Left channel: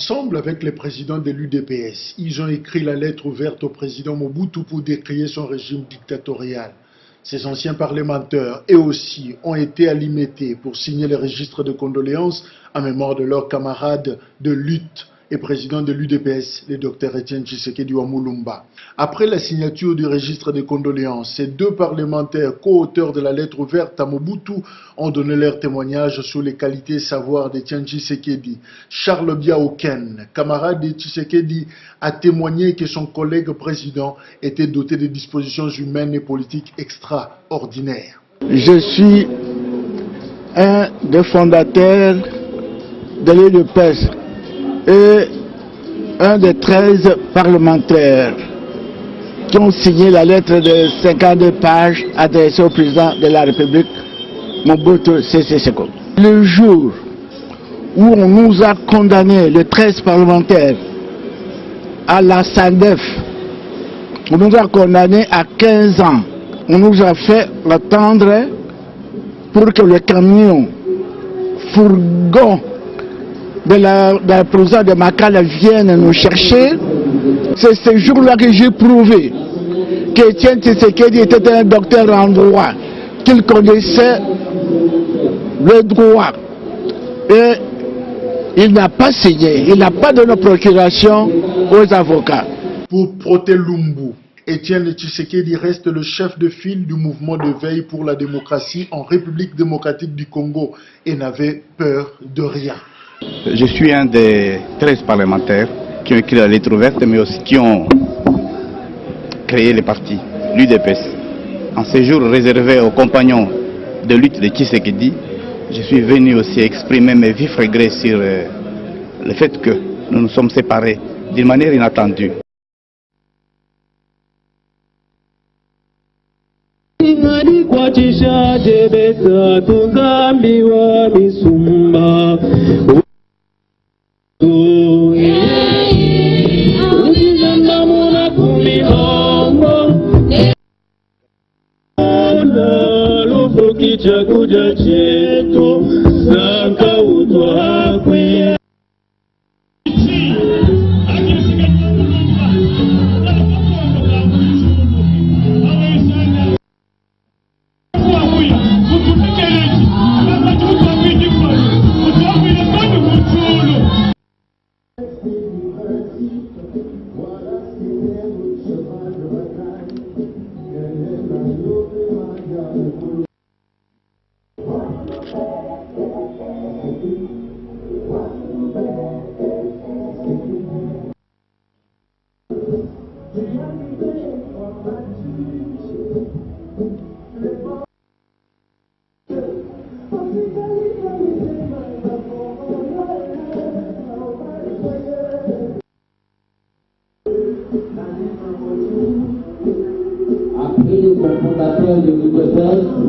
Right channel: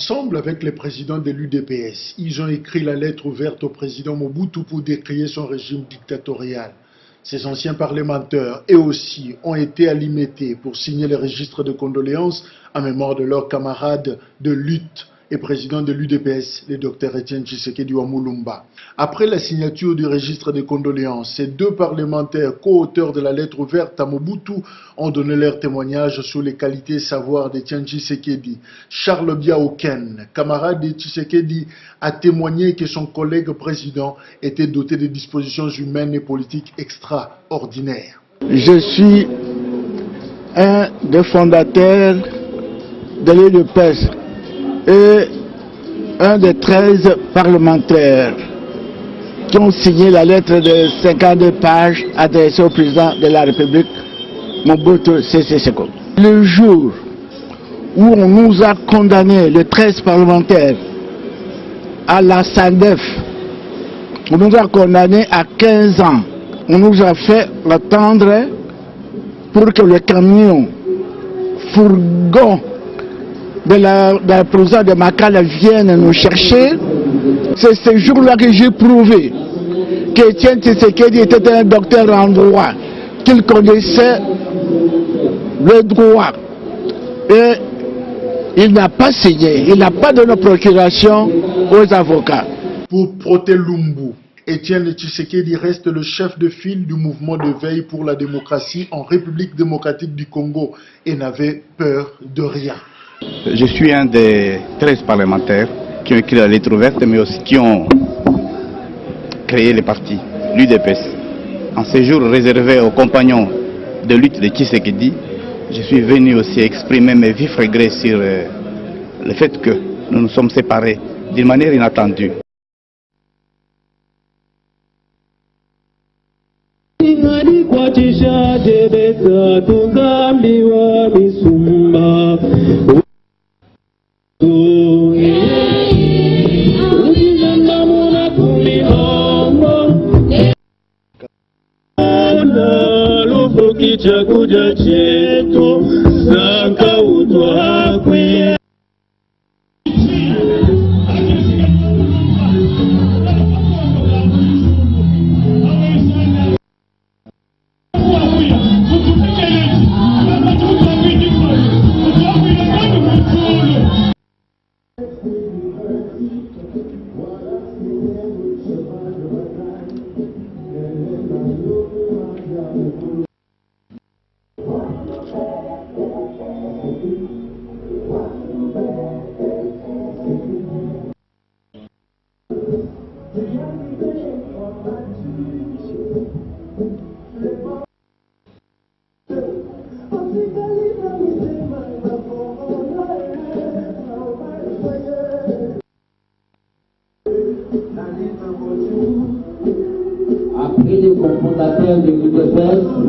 Ensemble avec les présidents de l'UDPS, ils ont écrit la lettre ouverte au président Mobutu pour décrier son régime dictatorial. Ces anciens parlementaires, eux aussi, ont été alimentés pour signer le registre de condoléances en mémoire de leurs camarades de lutte et président de l'UDPS, le Dr Etienne Tshisekedi Wamulumba. Après la signature du registre de condoléances, ces deux parlementaires, co-auteurs de la lettre ouverte à Mobutu, ont donné leur témoignage sur les qualités et savoirs d'Etienne Tshisekedi. Charles Biaoken, camarade de Tshisekedi, a témoigné que son collègue président était doté de dispositions humaines et politiques extraordinaires. Je suis un des fondateurs de l'UDPS et un des 13 parlementaires qui ont signé la lettre de 52 pages adressée au président de la République, Mobutu Sese Seko. Le jour où on nous a condamnés, les 13 parlementaires, à la SANDEF, on nous a condamnés à 15 ans. On nous a fait attendre pour que le camion, fourgon de la prison de Makala vienne nous chercher. C'est ce jour-là que j'ai prouvé qu'Etienne Tshisekedi était un docteur en droit, qu'il connaissait le droit. Et il n'a pas signé, il n'a pas donné procuration aux avocats. Pour Protelumbu, Etienne Tshisekedi reste le chef de file du mouvement de veille pour la démocratie en République démocratique du Congo et n'avait peur de rien. Je suis un des 13 parlementaires qui ont écrit la lettre ouverte, mais aussi qui ont créé le parti, l'UDPS. En ce jour réservé aux compagnons de lutte de Tshisekedi, je suis venu aussi exprimer mes vifs regrets sur le fait que nous nous sommes séparés d'une manière inattendue. Après les cofondateurs de l'UDPS,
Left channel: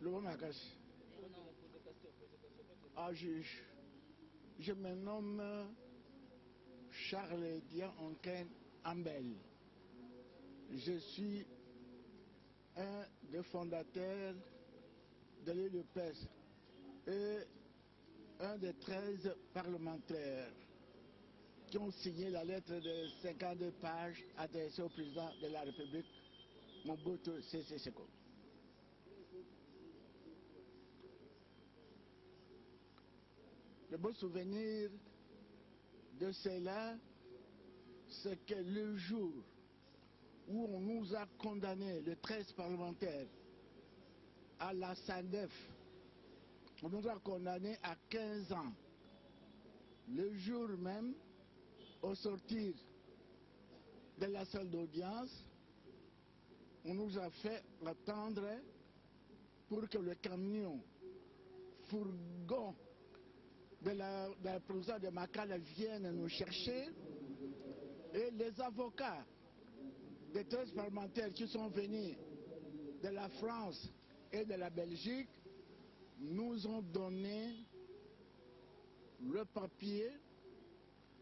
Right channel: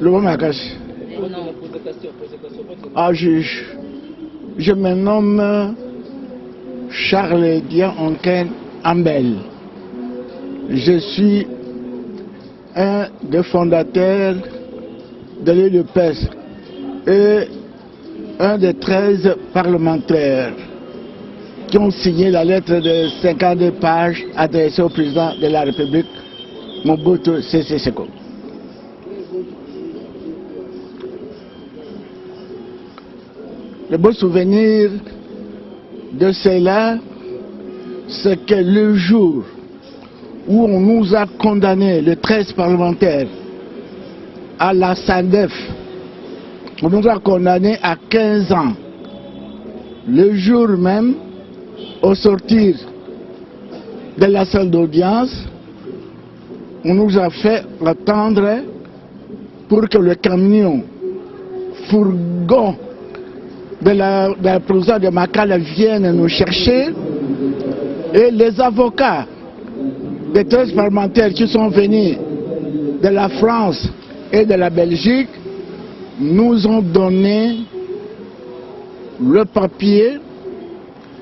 Le bon Makache. Ah, je me nomme Charles Dian-Onken Ambel. Je suis un des fondateurs de l'UDPS et un des 13 parlementaires qui ont signé la lettre de 52 pages adressée au président de la République, Mobutu Sese Seko. Le beau souvenir de cela, c'est que le jour où on nous a condamnés, les 13 parlementaires, à la SANDEF, on nous a condamnés à 15 ans. Le jour même, au sortir de la salle d'audience, on nous a fait attendre pour que le camion fourgon de la prison de Makala vienne nous chercher. Et les avocats des 13 parlementaires qui sont venus de la France et de la Belgique nous ont donné le papier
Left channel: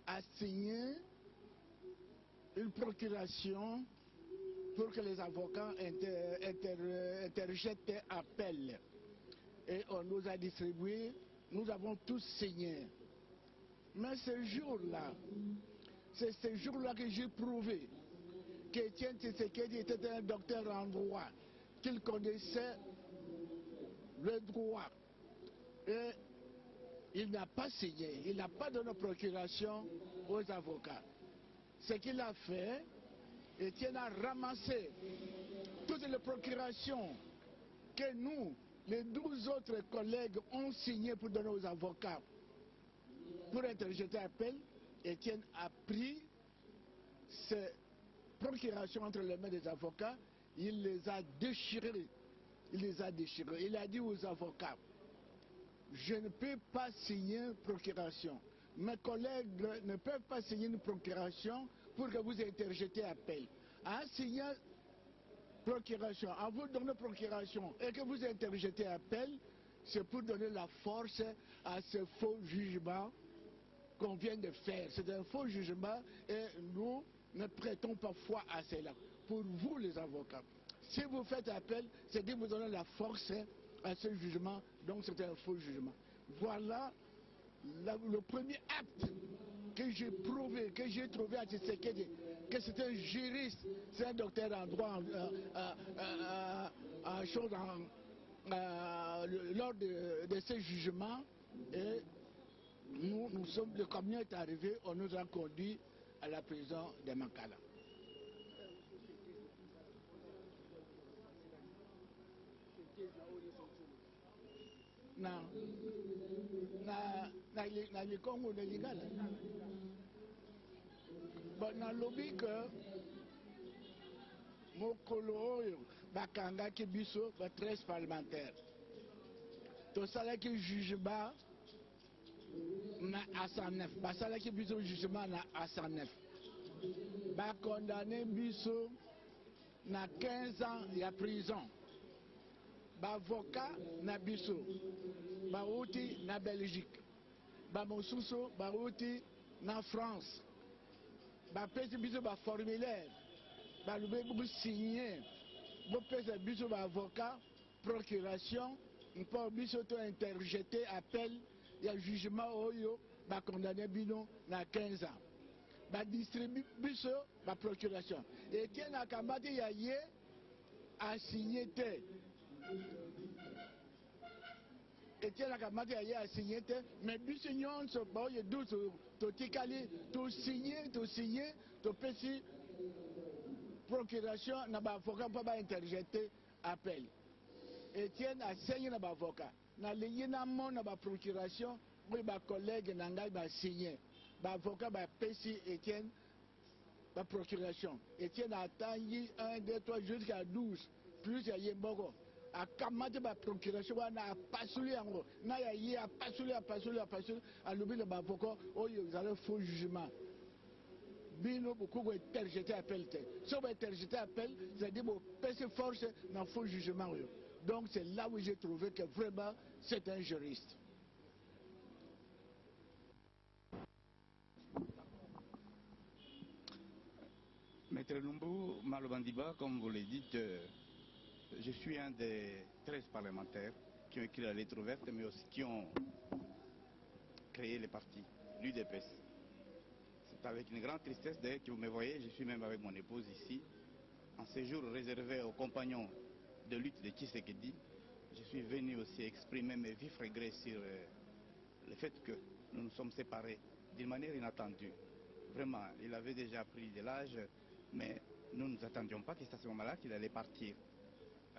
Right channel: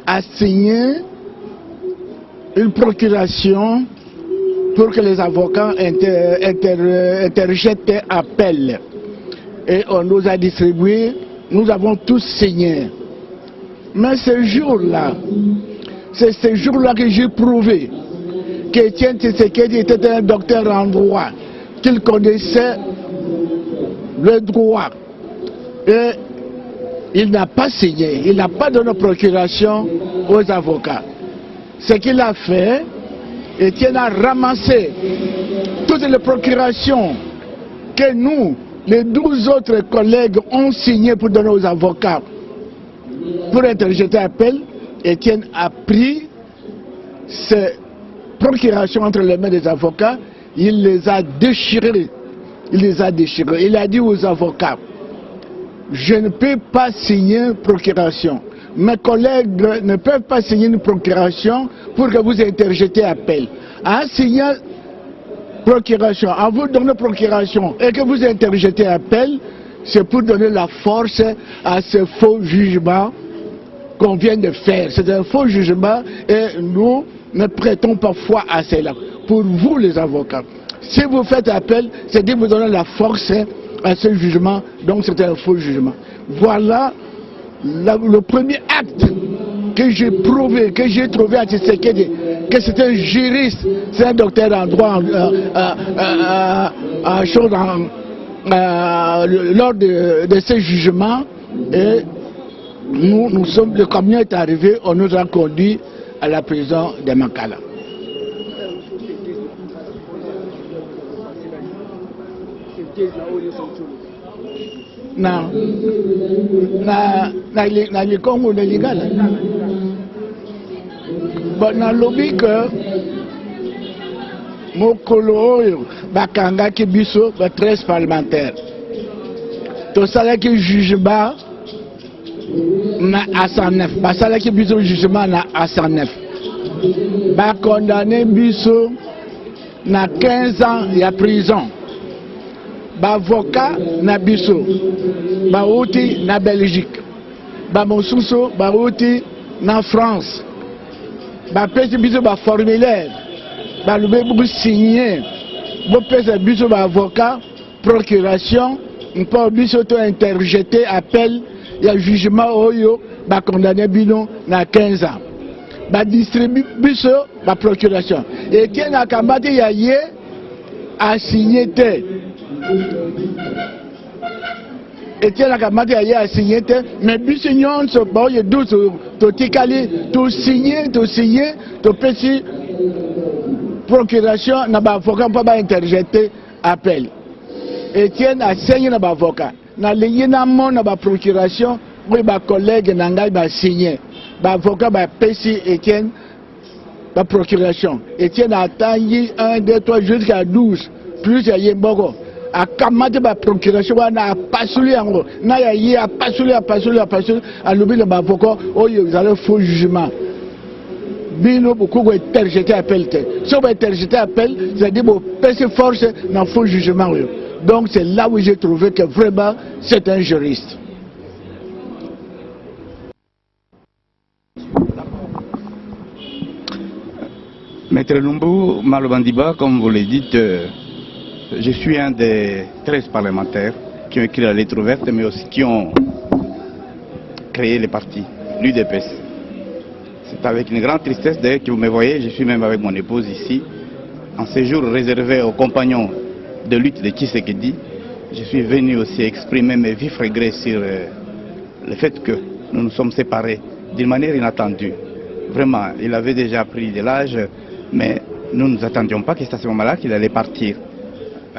à signer une procuration pour que les avocats interjettent appel. Et on nous a distribué, nous avons tous signé. Mais ce jour-là, c'est ce jour-là que j'ai prouvé qu'Étienne Tshisekedi était un docteur en droit, qu'il connaissait le droit. Et il n'a pas signé, il n'a pas donné procuration aux avocats. Ce qu'il a fait, Étienne a ramassé toutes les procurations que nous, les 12 autres collègues, ont signées pour donner aux avocats pour interjeter appel. Étienne a pris ces procurations entre les mains des avocats, il les a déchirées. Il a dit aux avocats, je ne peux pas signer une procuration. Mes collègues ne peuvent pas signer une procuration pour que vous interjetez appel. En signant procuration, en vous donnant procuration et que vous interjetez appel, c'est pour donner la force à ce faux jugement qu'on vient de faire. C'est un faux jugement et nous ne prêtons pas foi à cela. Pour vous les avocats, si vous faites appel, c'est de vous donner la force à ce jugement, donc c'est un faux jugement. Voilà le premier acte que j'ai prouvé, que j'ai trouvé à Tshisekedi, que c'est un juriste, c'est un docteur en droit, lors de ces jugements. Et le camion est arrivé, on nous a conduits à la prison de Makala. Na likongo na lingala na lobi que mokolo oyo bakangaki biso ba 13 parlementaires tosalaki jugement na A109 basalaki biso jugement na A109 bakondamné biso na 15 ans ya prison. Bavocat na biso bauti na Belgique, bamosusu bauti na France, bapesi biso ba formulaire balube buku signé bopesa biso bavocat procuration mpo biso to interjeter appel ya jugement oyo bakondamné bino na 15 ans badistribue biso ba procuration Etienne akambati ya ye a signé te. Etienne Akamati a signé, mais biso nyonso boye 12 totikali to signé, to pesi procuration na ba avocat pour ba interjeter appel. Etienne a signé na ba avocat, na lié na mon ba procuration, oui ba collègue na ngai ba signé, ba avocat ba pesi Etienne ba procuration. Etienne a attendu 1, 2, 3 jusqu'à 12 plus ya yemboko. A kamate ba procuration wana a pasuli yango na ya yi a pasuli a lobi le bavoko oyo zale faux jugement bino beaucoup interjeté appel te so ba interjeté appel ça dit bo pèse force dans faux jugement. Donc c'est là où j'ai trouvé que vraiment c'est un juriste. Maître Lumbu Malobandiba, comme vous le dites, je suis un des 13 parlementaires qui ont écrit la lettre ouverte, mais aussi qui ont créé les partis, l'UDPS. C'est avec une grande tristesse d'ailleurs que vous me voyez, je suis même avec mon épouse ici, en séjour réservé aux compagnons de lutte de Tshisekedi. Je suis venu aussi exprimer mes vifs regrets sur le fait que nous nous sommes séparés d'une manière inattendue. Vraiment, il avait déjà pris de l'âge, mais nous ne nous attendions pas que c'est à ce moment-là qu'il allait partir.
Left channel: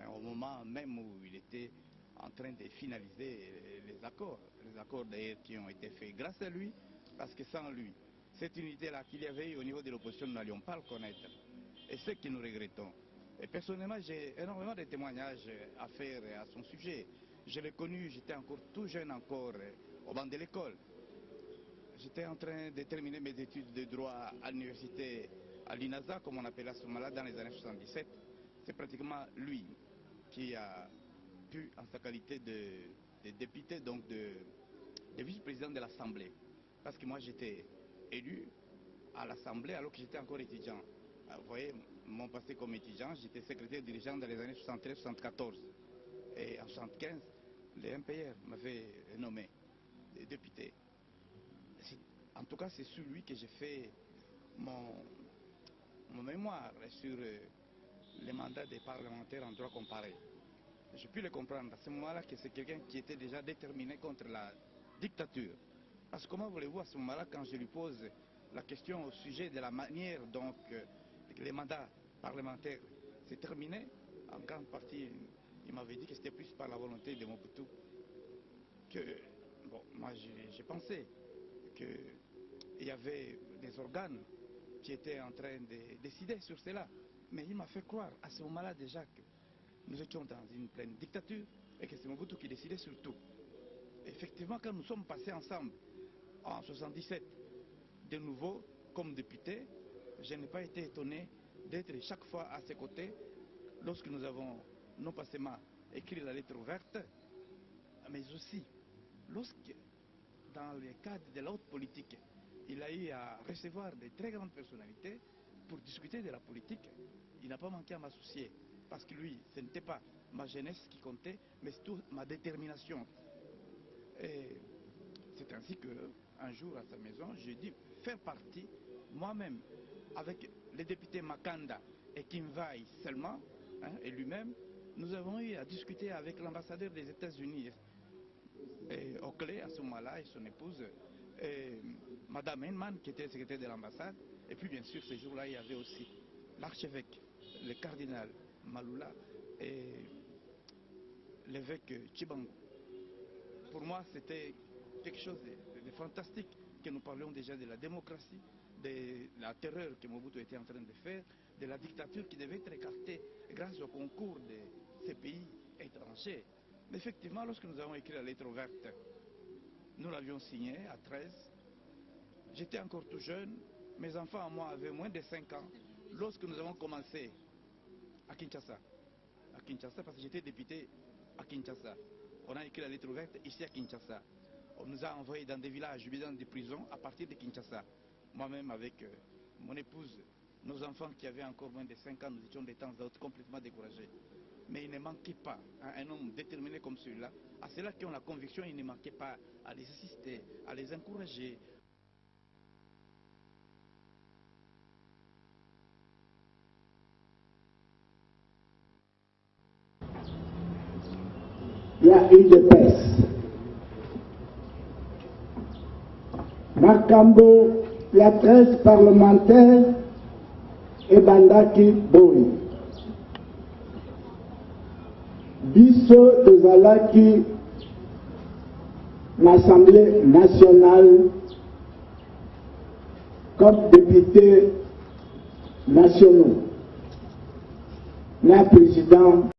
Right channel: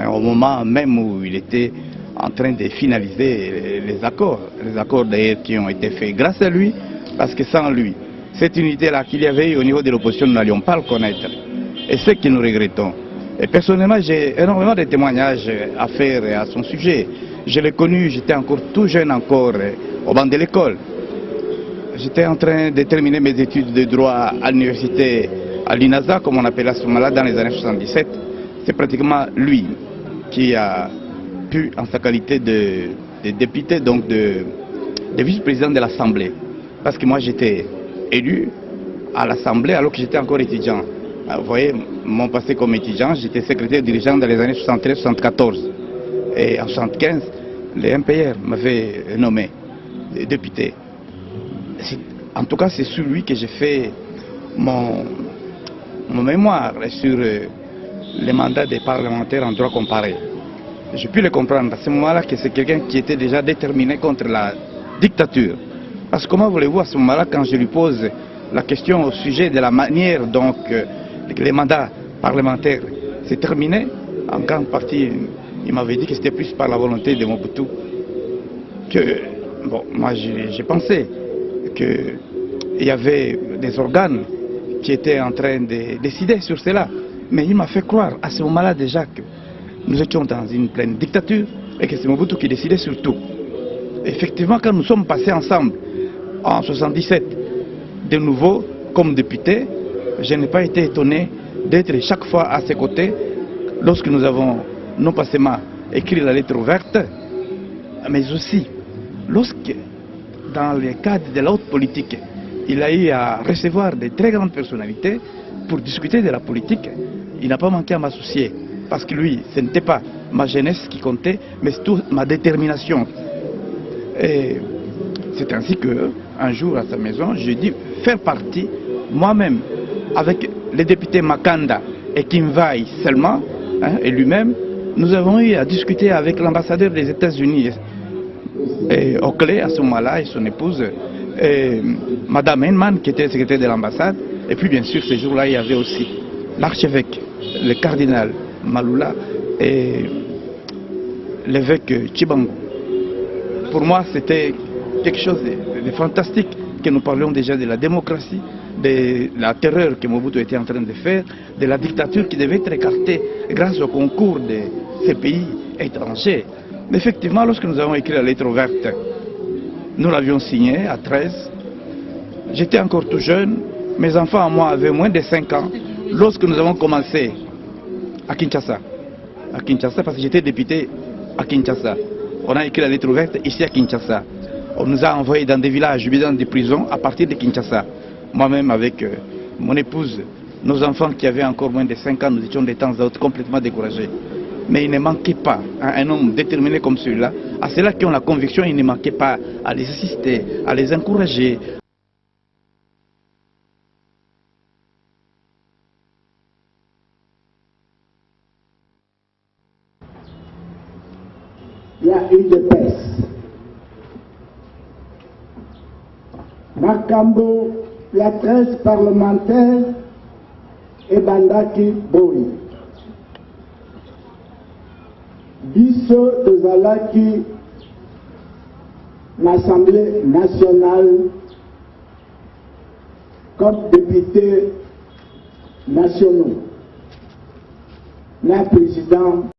Au moment même où il était en train de finaliser les accords d'ailleurs qui ont été faits grâce à lui, parce que sans lui, cette unité-là qu'il y avait eu au niveau de l'opposition, nous n'allions pas le connaître. Et c'est ce que nous regrettons. Et personnellement, j'ai énormément de témoignages à faire à son sujet. Je l'ai connu, j'étais encore tout jeune encore, au banc de l'école. J'étais en train de terminer mes études de droit à l'université, à l'INASA, comme on appelait à ce moment-là, dans les années 77. C'est pratiquement lui qui a pu, en sa qualité de député, donc de vice-président de l'Assemblée. Parce que moi, j'étais élu à l'Assemblée alors que j'étais encore étudiant. Vous voyez, mon passé comme étudiant, j'étais secrétaire dirigeant dans les années 73-74. Et en 75, les MPR m'avaient nommé député. En tout cas, c'est sur lui que j'ai fait mon mémoire sur les mandats des parlementaires en droit comparé. J'ai pu le comprendre à ce moment-là que c'est quelqu'un qui était déjà déterminé contre la dictature. Parce que comment voulez-vous à ce moment-là, quand je lui pose la question au sujet de la manière dont les mandats parlementaires s'est terminé, en grande partie, il m'avait dit que c'était plus par la volonté de Mobutu que, bon, moi j'ai pensé qu'il y avait des organes qui étaient en train de décider sur cela. Mais il m'a fait croire à ce moment-là déjà que nous étions dans une pleine dictature et que c'est Mobutu qui décidait sur tout. Effectivement, quand nous sommes passés ensemble en 77, de nouveau comme député, je n'ai pas été étonné d'être chaque fois à ses côtés lorsque nous avons non pas seulement écrit la lettre ouverte, mais aussi lorsque, dans le cadre de la haute politique, il a eu à recevoir de très grandes personnalités pour discuter de la politique. Il n'a pas manqué à m'associer, parce que lui, ce n'était pas ma jeunesse qui comptait, mais surtout ma détermination. Et c'est ainsi qu'un jour à sa maison, j'ai dit faire partie, moi-même, avec les députés Makanda et Kimvaï seulement, et lui-même, nous avons eu à discuter avec l'ambassadeur des États-Unis, Oakley à ce moment-là, et son épouse, et Madame Henman, qui était secrétaire de l'ambassade. Et puis bien sûr, ce jour-là, il y avait aussi l'archevêque, le cardinal Maloula et l'évêque Chibangu. Pour moi, c'était quelque chose de fantastique, que nous parlions déjà de la démocratie, de la terreur que Mobutu était en train de faire, de la dictature qui devait être écartée grâce au concours de ces pays étrangers. Mais effectivement, lorsque nous avons écrit la lettre ouverte, nous l'avions signée à 13. J'étais encore tout jeune. Mes enfants à moi avaient moins de 5 ans lorsque nous avons commencé à Kinshasa. À Kinshasa, parce que j'étais député à Kinshasa. On a écrit la lettre ouverte ici à Kinshasa. On nous a envoyés dans des villages, dans des prisons à partir de Kinshasa. Moi-même avec mon épouse, nos enfants qui avaient encore moins de 5 ans, nous étions de temps à autre complètement découragés. Mais il ne manquait pas, un homme déterminé comme celui-là, à ceux-là qui ont la conviction, il ne manquait pas à les assister, à les encourager. Il y a une dépense. Makambo, il y a 13 parlementaires et Bandaki Boy. Biso Tozalaki, l'Assemblée nationale, comme députés nationaux, le président